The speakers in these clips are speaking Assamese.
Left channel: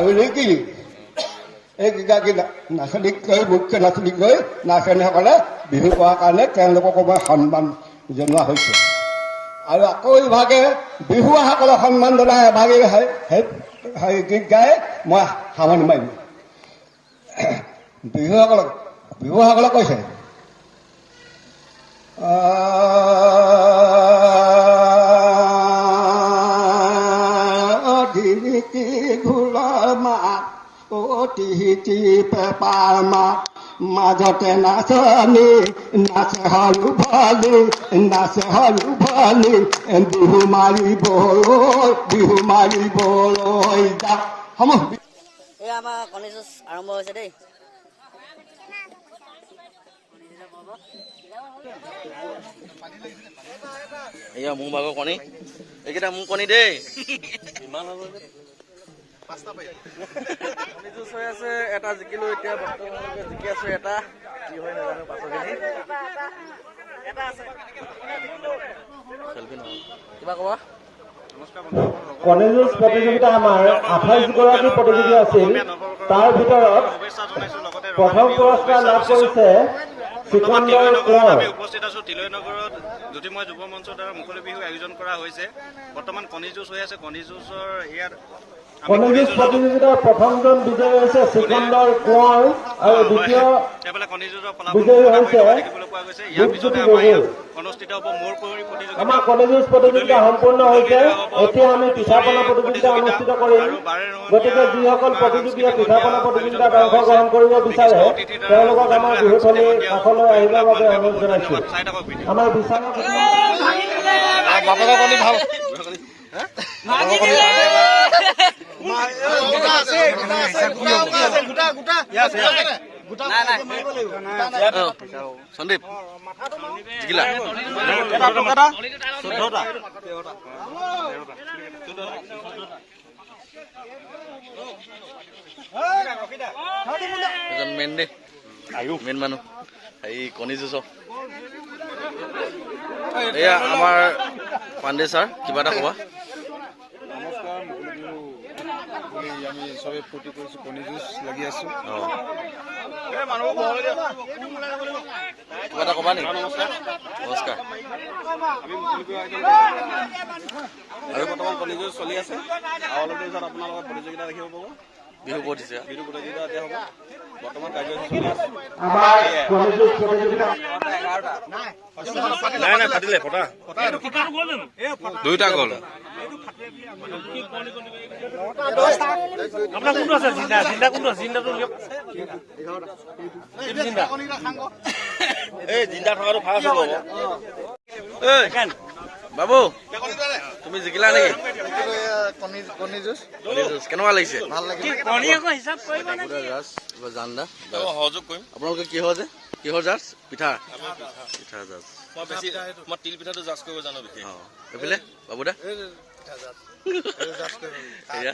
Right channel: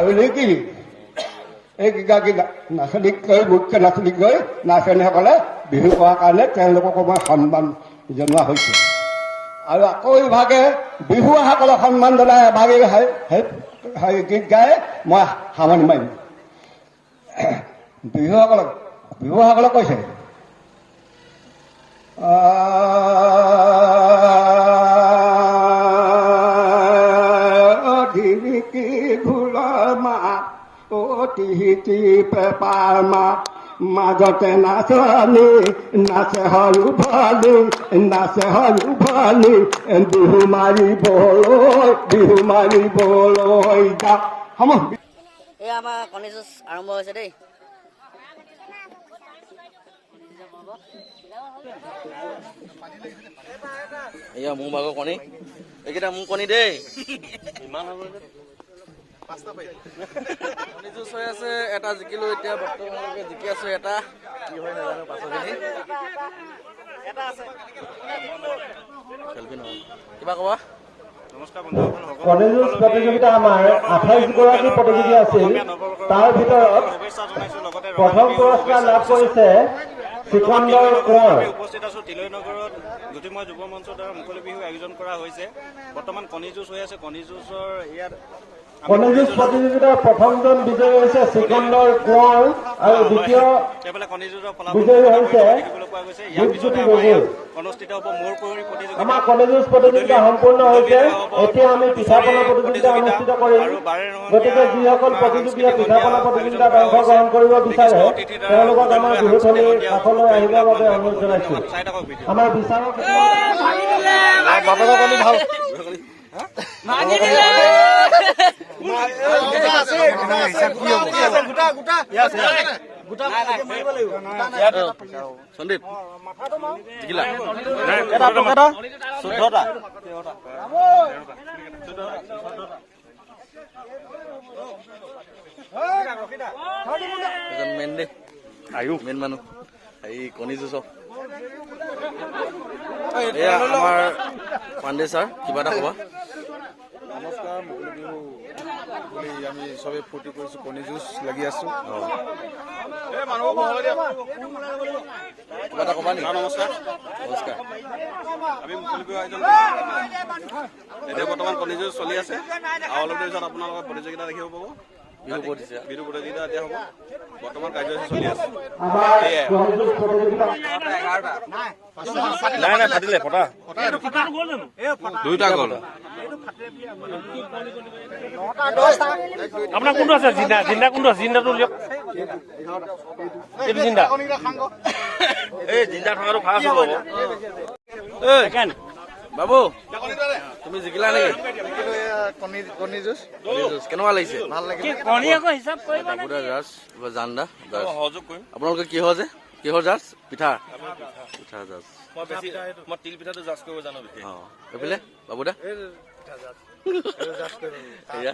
আৰু নিকিনি এইকেইগৰাকী নাচনীক গৈ মুখ্য নাচনীক গৈ নাচনীসকলে বিহু কৰাৰ কাৰণে তেওঁলোককো মই সন্মান জনোৱা হৈছে। আৰু আকৌ ইভাগে বিহুৱাসকলক সন্মান জনাই এভাগে গীত গাই মই সামৰণি মাৰিম। বিহুসকলক কৈছে ধিৰিকি ঢোলৰ মাত টিহিকি পেপাৰ মাত মাজতে নাচনী নাচে সৰু ভালি বিহু মাৰিবলৈ যা সময়। এই আমাৰ কণী যুঁজ আৰম্ভ হৈছে দেই। এয়া মোৰ ভাগৰ কণী, এইকেইটা মোৰ কণী দেই। ইমান হ'ব যে কণী যুঁজ হৈ আছে, এটা জিকিলো এতিয়া বৰ্তমানলৈকে জিকি আছো, এটা কি হয় নাজানো পাছৰখিনি। কিবা কবা? কণী যুঁজ প্ৰতিযোগিতা আমাৰ 28 গৰাকী প্ৰতিযোগী আছিল। তাৰ ভিতৰত প্ৰথম পুৰস্কাৰ লাভ কৰিছে চিকন্দৰ কোঁৱৰ। আমি উপস্থিত আছো তিলৈ নগৰত জ্যোতিময় যুৱ মঞ্চৰ দ্বাৰা মুকলি বিহু আয়োজন কৰা হৈছে। বৰ্তমান কণী যুঁজ হৈ আছে। কণী যুঁজৰ ইয়াত কণী যুঁজ প্ৰতিযোগিতাৰ প্ৰথমজন বিজয়ী হৈছে চিকন্দৰ কোঁৱৰ আৰু দ্বিতীয় বিজয়ী হৈছে ৰূপজ্যোতি গগৈ। অনুষ্ঠিত হ'ব মোৰ পৰি প্ৰতিযোগিতা। আমাৰ কণী যুঁজ প্ৰতিযোগিতা সম্পূৰ্ণ হৈছে। এতিয়া আমি পিঠাপনা প্ৰতিযোগিতা অনুষ্ঠিত কৰিম। গতিকে যিসকল প্ৰতিযোগীয়ে পিঠাপনা প্ৰতিযোগিতাত অংশগ্ৰহণ কৰিব বিচাৰে তেওঁলোকক আমাৰ বিহুথলীৰ কাষলৈ আহিবৰ বাবে অনুৰোধ জনাইছো। আমাৰ বিচাৰক সন্দীপ জিকিলা এজন মেইন দেই, মেইন মানুহ এই কণী যুঁজ। এয়া আমাৰ পাণ্ডে ছাৰ, কিবা এটা কবা? নমস্কাৰ। মুকলি বিহু বুলি আমি চবেই ফূৰ্তি কৰিছোঁ, কণী যুঁজ লাগি আছোঁ। কিবা এটা কবা নেকি? নমস্কাৰ। নমস্কাৰ। আমি মুকলি বিহু আয়োজন আৰু বৰ্তমান কণী যুঁজ চলি আছে। আৰু অলপ দেৰি পিছত আপোনালোকৰ প্ৰতিযোগিতা দেখিব পাব। বিহু প্ৰতিযোগিতা এতিয়া হ'ব। বৰ্তমান কাৰ্যসূচী চলি আছে। আমাৰ কণী যুঁজ প্ৰতিযোগিতা দুইটা গ'ল। আপোনাৰ কোনটো আছে? জিন্দা কোনটো আছে? জিন্দাটো উলিয়াওক। জিন্দা এই জিন্দা থকাটো ফাৰ্ষ্ট হ'ব। বাবু তুমি জিকিলা নেকি? কণী যুঁজ কেনেকুৱা লাগিছে? ভাল লাগিলে। বাবুদা জাজ জানদা সহযোগ কৰিম। আপোনালোকে কিহৰ জাজ? পিঠা জাজ। মই তিল পিঠাটো জাজ কৰিব জানো। এইফালে বাবুদা এয়া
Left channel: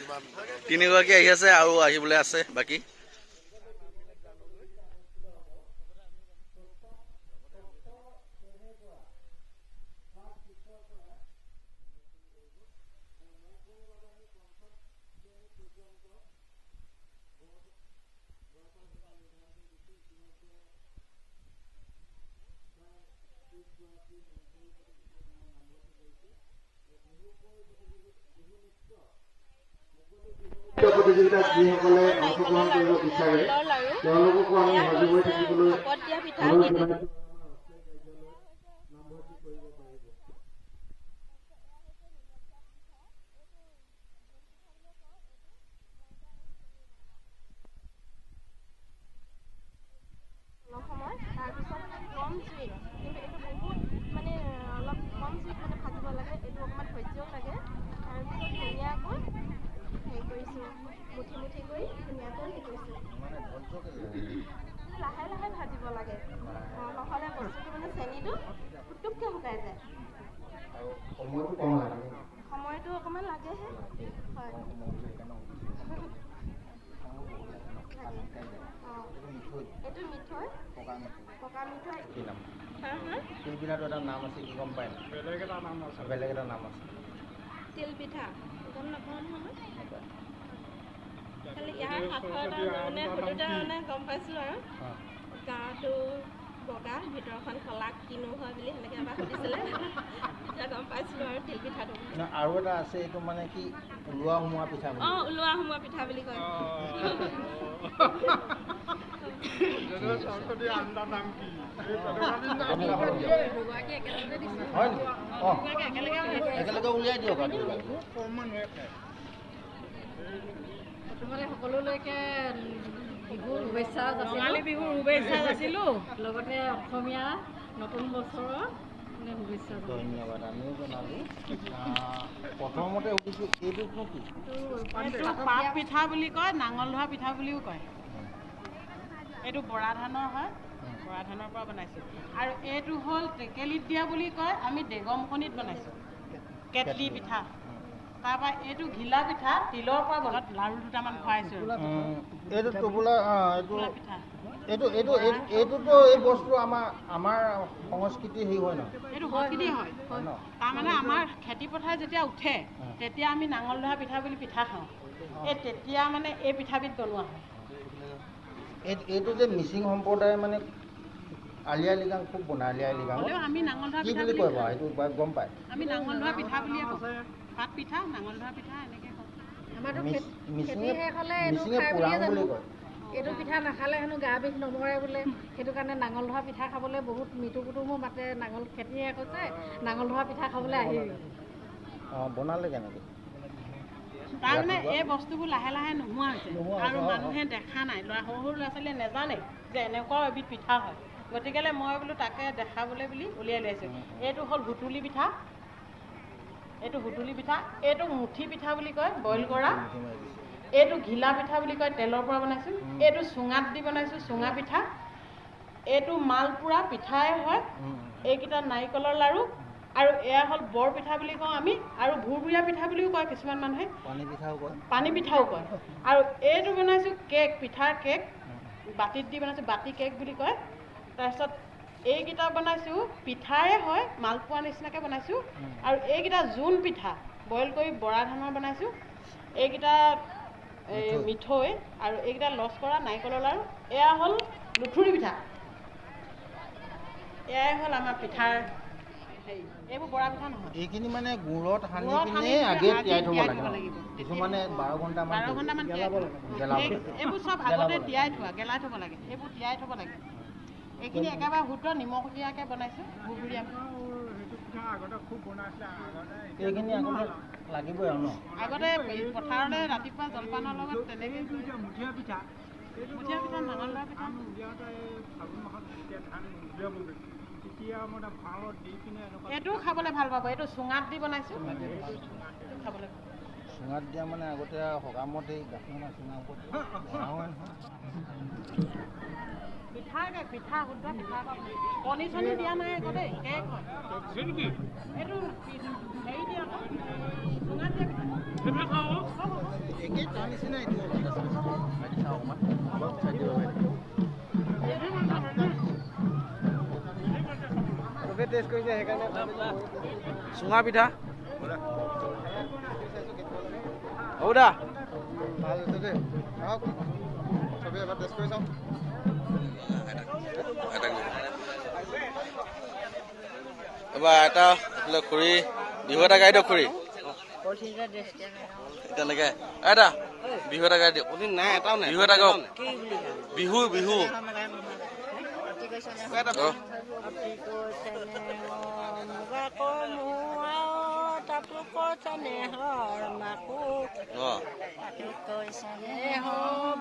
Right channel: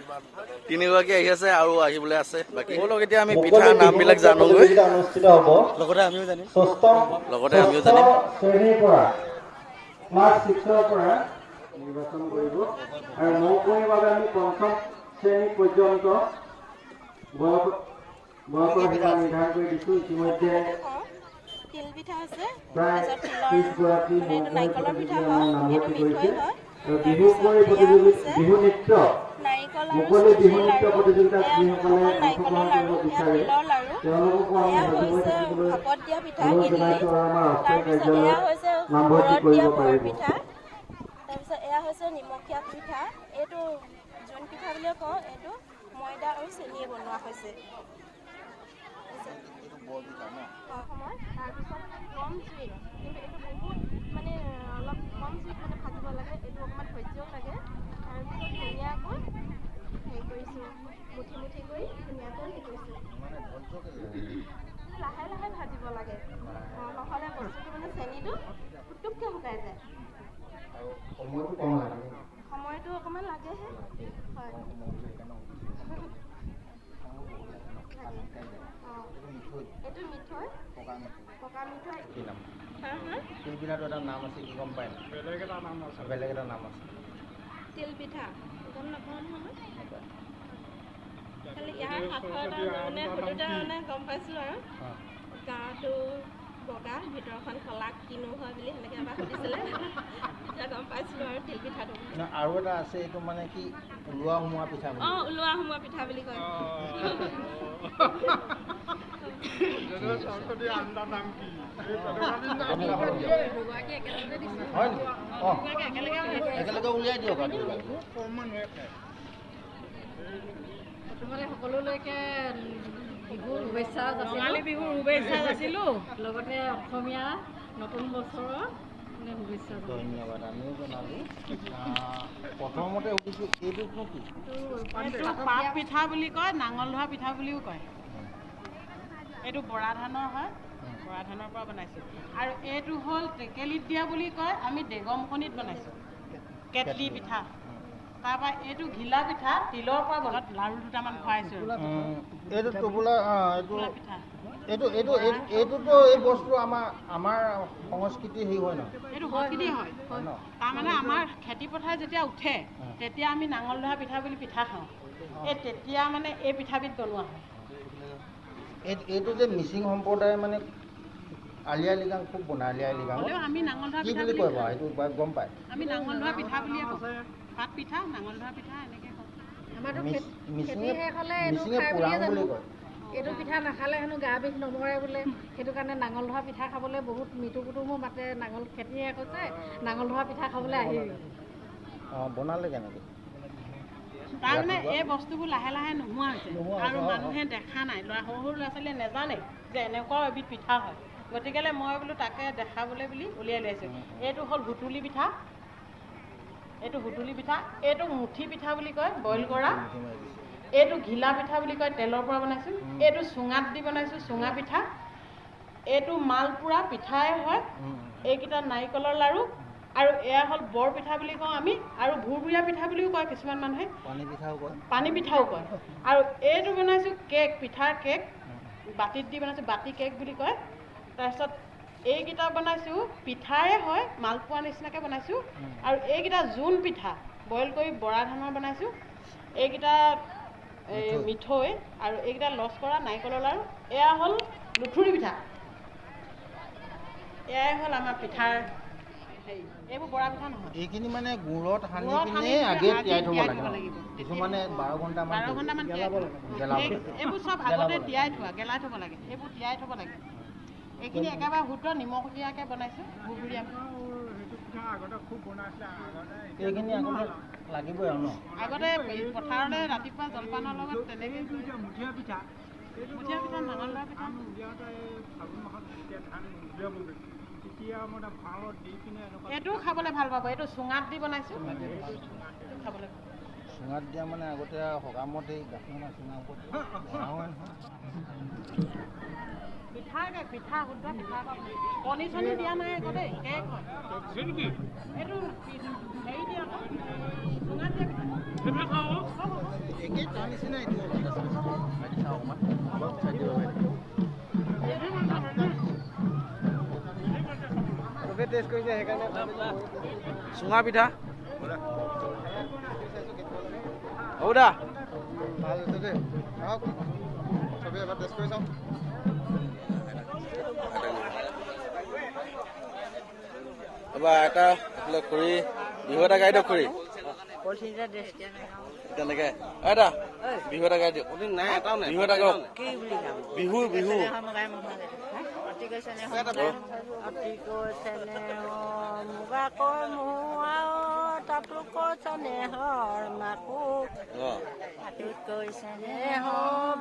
তিনিগৰাকী আহি আছে আৰু আহিবলৈ আছে বাকী। এতিয়া আমি পিঠাৰ নামবিলাক জানোগৈ, অনুষ্ঠিত হ'ব। লগতে আমিও জানিম। শ্ৰেণীৰ পৰা ক্লাছ 6ৰ পৰা নিৰ্বাচন কৰিব আৰু মৌকুমীৰ বাবে আমি পঞ্চম শ্ৰেণী পৰ্যন্ত বয়সৰ সীমা নিৰ্ধাৰণ কৰি দিছোঁ। ইতিমধ্যে প্ৰায় 30 গৰাকী নাৰিকলৰ পিঠা আমাৰ নামভৰ্তি কৰিছে। আৰু বিহু নৃত্য মুকলি বিহু নৃত্য প্ৰতিযোগিতাত যিসকলে অংশগ্ৰহণ কৰিব বিচাৰে তেওঁলোককো আমি সজীৱ হৈ থাকিবলৈ অনুৰোধ জনাইছোঁ আৰু আমাৰ অস্থায়ী কাৰ্যালয়ত নামভৰ্তি কৰিব পাৰিব। তাৰপিছত এয়া হৈছে নিমখীয়া পিঠা। এইটো জোন পিঠা বুলিয়ে কওঁ। এইটো ময়দা আৰু চেনিয়ে বনোৱা হৈছে। অসমত তাৰপিছত কম জুইত, কিন্তু এইটো বহুত মানে অলপ কম জুইত মানে ভাজিব লাগে। এইটো অকণমান ধৈৰ্যও লাগে। তাৰপিছত ধুনীয়াকৈ হেৰি কৰিছোঁ, মুঠি কৰি ধুনীয়াকৈ হেৰি কৰিছোঁ। লাহে লাহে ভাজিব লাগে, নহ'লে বস্তুটো মানে চেনিটো পুটুককৈ শুকাই যায়। সময়টো অকণমান লাগেহে। হয় এইটো মিঠৈ, পকা মিঠৈ। তিল পিঠাটো এটা নাম আছে, কি গম পায়? বেলেগ এটা নাম আছে। তিল পিঠা গম নাপাওঁ নহয়। খালি ইয়াৰ সাঁথৰ এটা মানে সুধোতে মানে গম পাইছোঁ আৰু গাটো বগা ভিতৰখন কলা কিনো হয় বুলি সেনেকৈ এবাৰ সুধিছিলে এতিয়া গম পাইছিলোঁ আৰু তিল পিঠাটো আৰু এটা আছে এইটো মানে কি ওলোৱা সোমোৱা পিঠা বুলি অঁ ওলোৱা সোমোৱা পিঠা বুলি কয় হয় নেকি অঁ একেলগে উলিয়াই দিয়ক প্ৰথমতে সকলোলৈকে বিহুৰ শুভেচ্ছা ৰঙালী বিহুৰ শুভেচ্ছা যাচিলোঁ লগতে অসমীয়া নতুন বছৰৰ শুভেচ্ছা ধন্যবাদ আমিও জনালোঁ প্ৰথমতে সুধিছোঁ এইটোনো কি পাত পিঠা বুলি কয় নাঙল ধোৱা পিঠা বুলিও কয় এইটো বৰা ধানৰ হয় বৰা ধানৰ পৰা বনাইছোঁ আৰু এইটো হ'ল টেকেলিত দিয়া বুলি কয় আমি ডেগমখনিত বনাইছোঁ কেটলি পিঠা তাৰপৰা এইটো ঘিলা পিঠা তিলৰ পৰা বনাত লাড়ু দুটামান খুৱাইছোঁ এইটো টোপোলা পিঠা এইটোতো এই বস্তু আমাৰ সংস্কৃতি হেৰি হয় ন এইটো সংস্কৃতি হয় তাৰমানে আমাৰ খেতি পথাৰ যেতিয়া উঠে তেতিয়া আমি নাঙল ধৰা পিঠা বুলি পিঠা খাওঁ এই তেতিয়া মানে এই পিঠাবিধ বনোৱা হয় এইটো যে মিচিং সম্প্ৰদায়ে মানে আলি আই লৃগাং খুব বনায় আলি আই লৃগাং আমি নাঙল ধৰা কি পিঠা বুলি কয় বাৰু সেইটো গম পায় আমি নাঙল ধৰা পিঠা বুলিয়ে কওঁ পাত পিঠা নাঙল ধৰা পিঠা এনেকৈ কওঁ আমাৰতো মিচিঙে পুৰাং বুলি কয় এইটো পিঠা নাখালে হেনো গা বিষ নমৰে বোলে সেইটো কাৰণে নাঙল ধৰা পিঠা খাবলৈ বহুত মৃত্যু কুটুমো মাতে নাঙল খেতিয়ে কৈছে নাঙল ধৰা পিঠা খাবলৈ আহিবি অঁ বনালে কেনেকৈ তাৰমানে এই বস্তুবোৰ লাহে লাহে নোহোৱা হৈছে আৰু মানুহে দেখা নাই সৰু সৰু ল'ৰা ছোৱালীয়ে নাজানে যে এনেকুৱাও এবিধ পিঠা হয় গতিকেলৈ মই বোলো তাকে দেখাবলৈ বুলি উলিয়াই লৈছোঁ এইটো হ'ল হুতুলি পিঠা এইটো হুতুলি পিঠা এইটো মুঠি পিঠা বুলি কয় বইল কৰা এইটো ঘিলা পিঠা বুলি কয় তেলৰ পৰা বনাইছোঁ এইটো চুঙাত দি বনাইছোঁ চুঙা পিঠা এইটো মালপুৰা পিঠাই হয় এইকেইটা নাৰিকলৰ লাড়ু আৰু এয়া হ'ল বৰ পিঠা বুলি কওঁ আমি আৰু ভুৰভুৰীয়া পিঠা বুলিও কয় কিছুমান মানুহে পানী পিঠাও কয় আৰু এইটো বনাইছোঁ কেক পিঠাৰ কেক বাতিত দি বনাইছোঁ বাতি কেক বুলি কয় তাৰপিছত এইকেইটা বনাইছোঁ পিঠাৰে হয় মালপোৱা নিচিনাকৈ বনাইছোঁ আৰু এইকেইটা জোন পিঠা বইল কৰি বৰা ধানৰ বনাইছোঁ এইকেইটা মিঠৈ আৰু এইকেইটা লচ কৰা নাৰিকলৰ লাড়ু এয়া হ'ল লুথুৰি পিঠা এয়াই হ'ল আমাৰ পিঠাৰ হেৰি এইবোৰ বৰা পিঠা নহয় এইখিনি মানে গুড়ত সানি পিনে আগে তিয়াই থ'ব লাগিব কিছুমানে 12 ঘণ্টামান এইবোৰ চব আগতে তিয়াই থোৱা গেলাই থ'ব লাগে এইবোৰ তিয়াই থ'ব লাগে এইখিনি একেবাৰে শুদ্ধ নিমখ দিয়াকৈ বনাইছোঁ ভুৰভুৰীয়া এইখিনি আগতে লাগিবই আৰু ন আগতে পথাৰলৈ ৰাতিপুৱা জলপানৰ লগত তেনেকৈ মুঠিয়া পিঠা নাঙল ধৰা পিঠা এইটোও খাবলৈ ভাল পাব এইটো চুঙাত দি বনাইছোঁ খাবলৈ চুঙাত দিয়া মানে আগতে সকামত এই গাখীৰ চুঙা পিঠা শুদ্ধ পিঠা কণী চণী দিয়া নাই আকৌ দেই কেক হয় এইটো হেৰি দিয়া আকৌ চুঙাত দিয়া পিঠা একেই তাৰ নিচিনা এইটো টেষ্ট কৰিছে সেইকাৰণে চুঙা পিঠা হ'ব দা ভাল হৈছে দেই আহক চবেই এবাৰ টেষ্ট কৰি চাওঁ এবাৰ এটা খুৰী বিহু এটা গাই দিয়ক খুৰী তেনেকৈ এটা বিহু এটা গাই দিয়ক বিহু এটা গাওক বিহু বিহু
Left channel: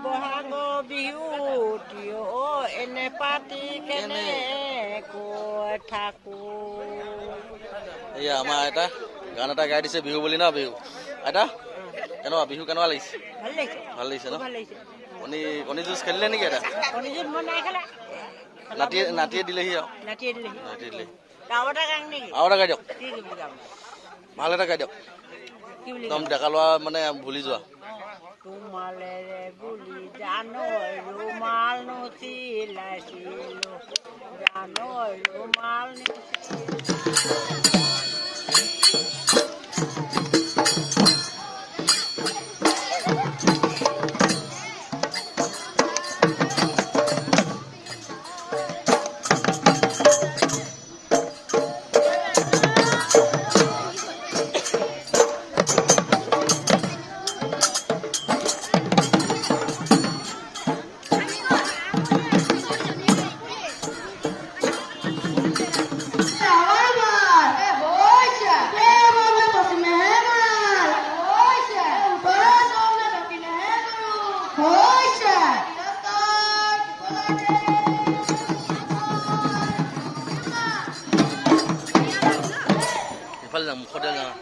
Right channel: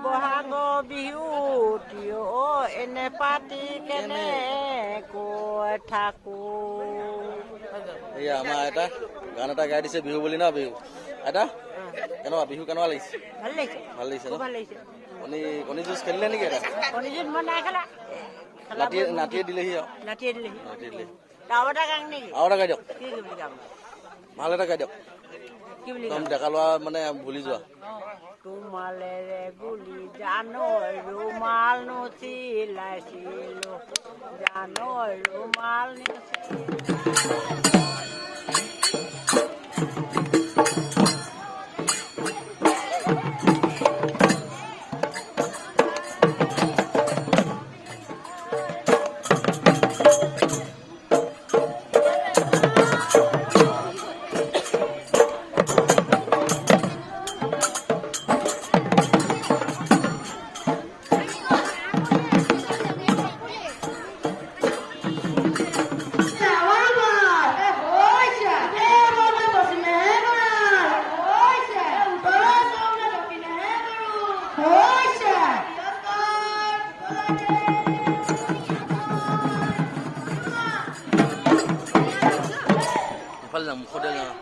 বহাগ বিহু এনে পাতি কেনে কৈ থাকো এয়া আমাৰ এটা গান এটা গাই দিছে বিহু বুলি ন বিহু এটা কেনেকুৱা বিহু কেনেকুৱা লাগিছে ভাল লাগিছে ন কণী যুঁজ খেলিলে নেকি এটা নাতিয়ে দিলেহি আৰু আৰু এটা গাই দিয়ক ভাল এটা গাই দিয়ক একদম ডেকা লোৱা মানে ভুলি যোৱা ৰুমালেৰে গুলি জানৈ ৰুমাল নচিলাইছিলো জানৈ ৰুমাল নচিলাইছিলো ইফালে যাম মুখতে যাওঁ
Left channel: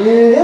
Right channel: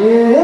You